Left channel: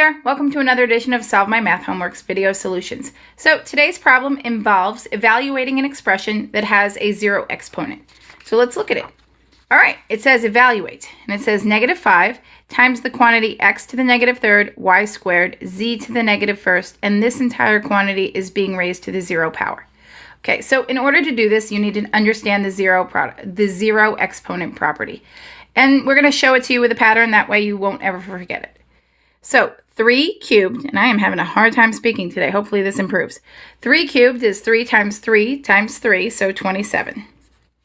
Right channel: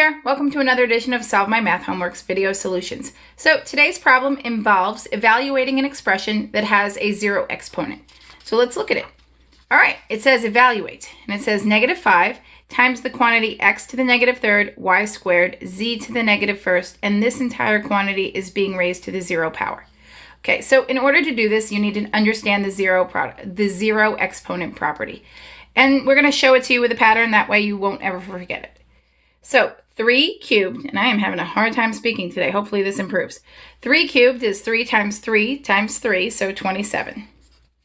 there, welcome to another edition of Solve My Math Homework's Video Solutions. So today's problem involves evaluating an expression that has a zero exponent. So let's look at it. All right, it says evaluate, and it says -5 times the quantity x to the -3rd, y squared, z to the -1st, and this entire quantity is being raised to the 0 power. Okay, so in order to do this, you need to understand the zero exponent property. And we're going to show it to you with a pattern, that way you won't ever forget it. So 3 cubed, and I am having a hard time speaking today, hopefully this improves. 3 cubed is 3 times 3 times 3, so 27.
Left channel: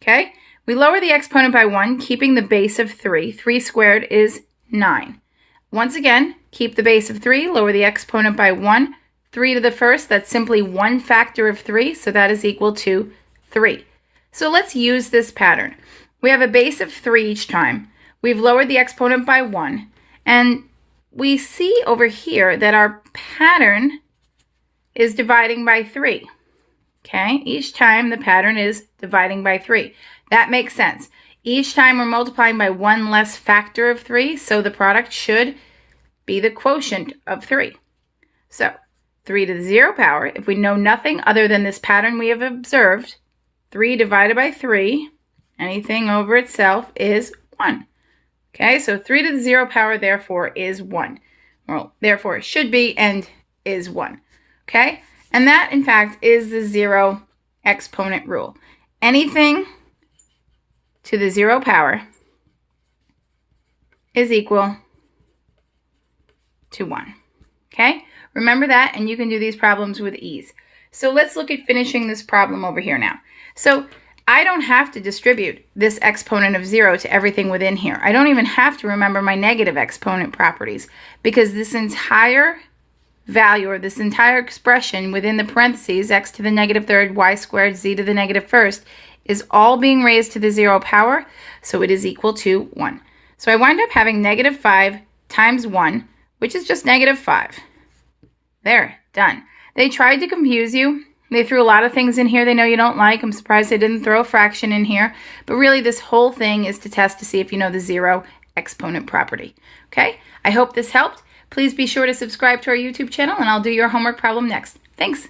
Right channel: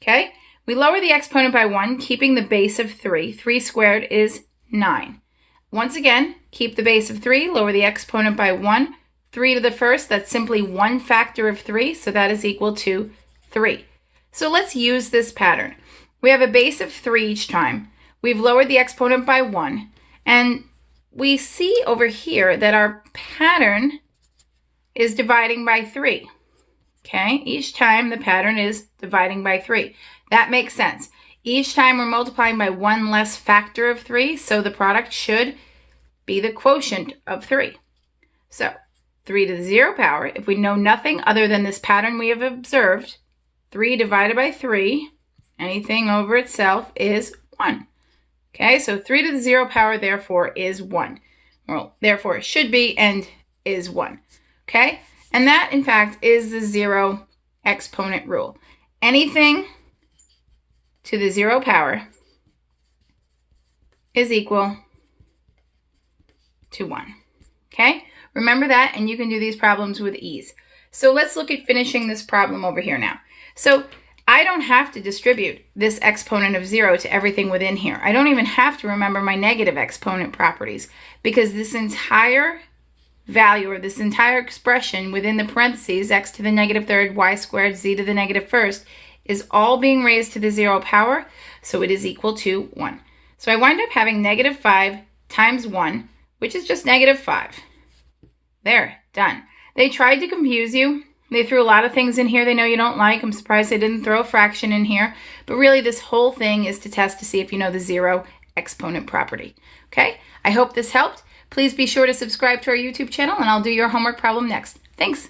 Okay, we lower the exponent by 1, keeping the base of 3. 3 squared is 9. Once again, keep the base of 3, lower the exponent by 1. 3 to the first, that's simply one factor of 3, so that is equal to 3. So let's use this pattern. We have a base of 3 each time. We've lowered the exponent by 1, and we see over here that our pattern is dividing by 3. Okay, each time the pattern is dividing by 3. That makes sense. Each time we're multiplying by one less factor of 3, so the product should be the quotient of 3. So 3 to the 0 power, if we know nothing other than this pattern we have observed, 3 divided by 3, anything over itself, is 1. Okay, so 3 to the 0 power, therefore, is 1. Well, therefore, it should be and is 1. Okay, and that, in fact, is the zero exponent rule. Anything to the 0 power is equal to 1. Okay, remember that, and you can do these problems with ease. So let's look at finishing this problem over here now. So I don't have to distribute this exponent of 0 to everything within here. I don't even have to remember my negative exponent properties, because this entire value, or this entire expression within the parentheses, x to the -3rd, y squared, z to the -1st, is all being raised to the 0 power, so it is equal to 1. So I wind up having -5 times 1, which is just -5. There, done. They tried to confuse you. They threw a lot of things in here they know you don't like. I'm surprised they didn't throw a fraction in here. But really, this whole thing is to test to see if you know the zero exponent property. Okay? I hope this helped. Please be sure to subscribe to our YouTube channel, and I'll do your homework problem next. Thanks.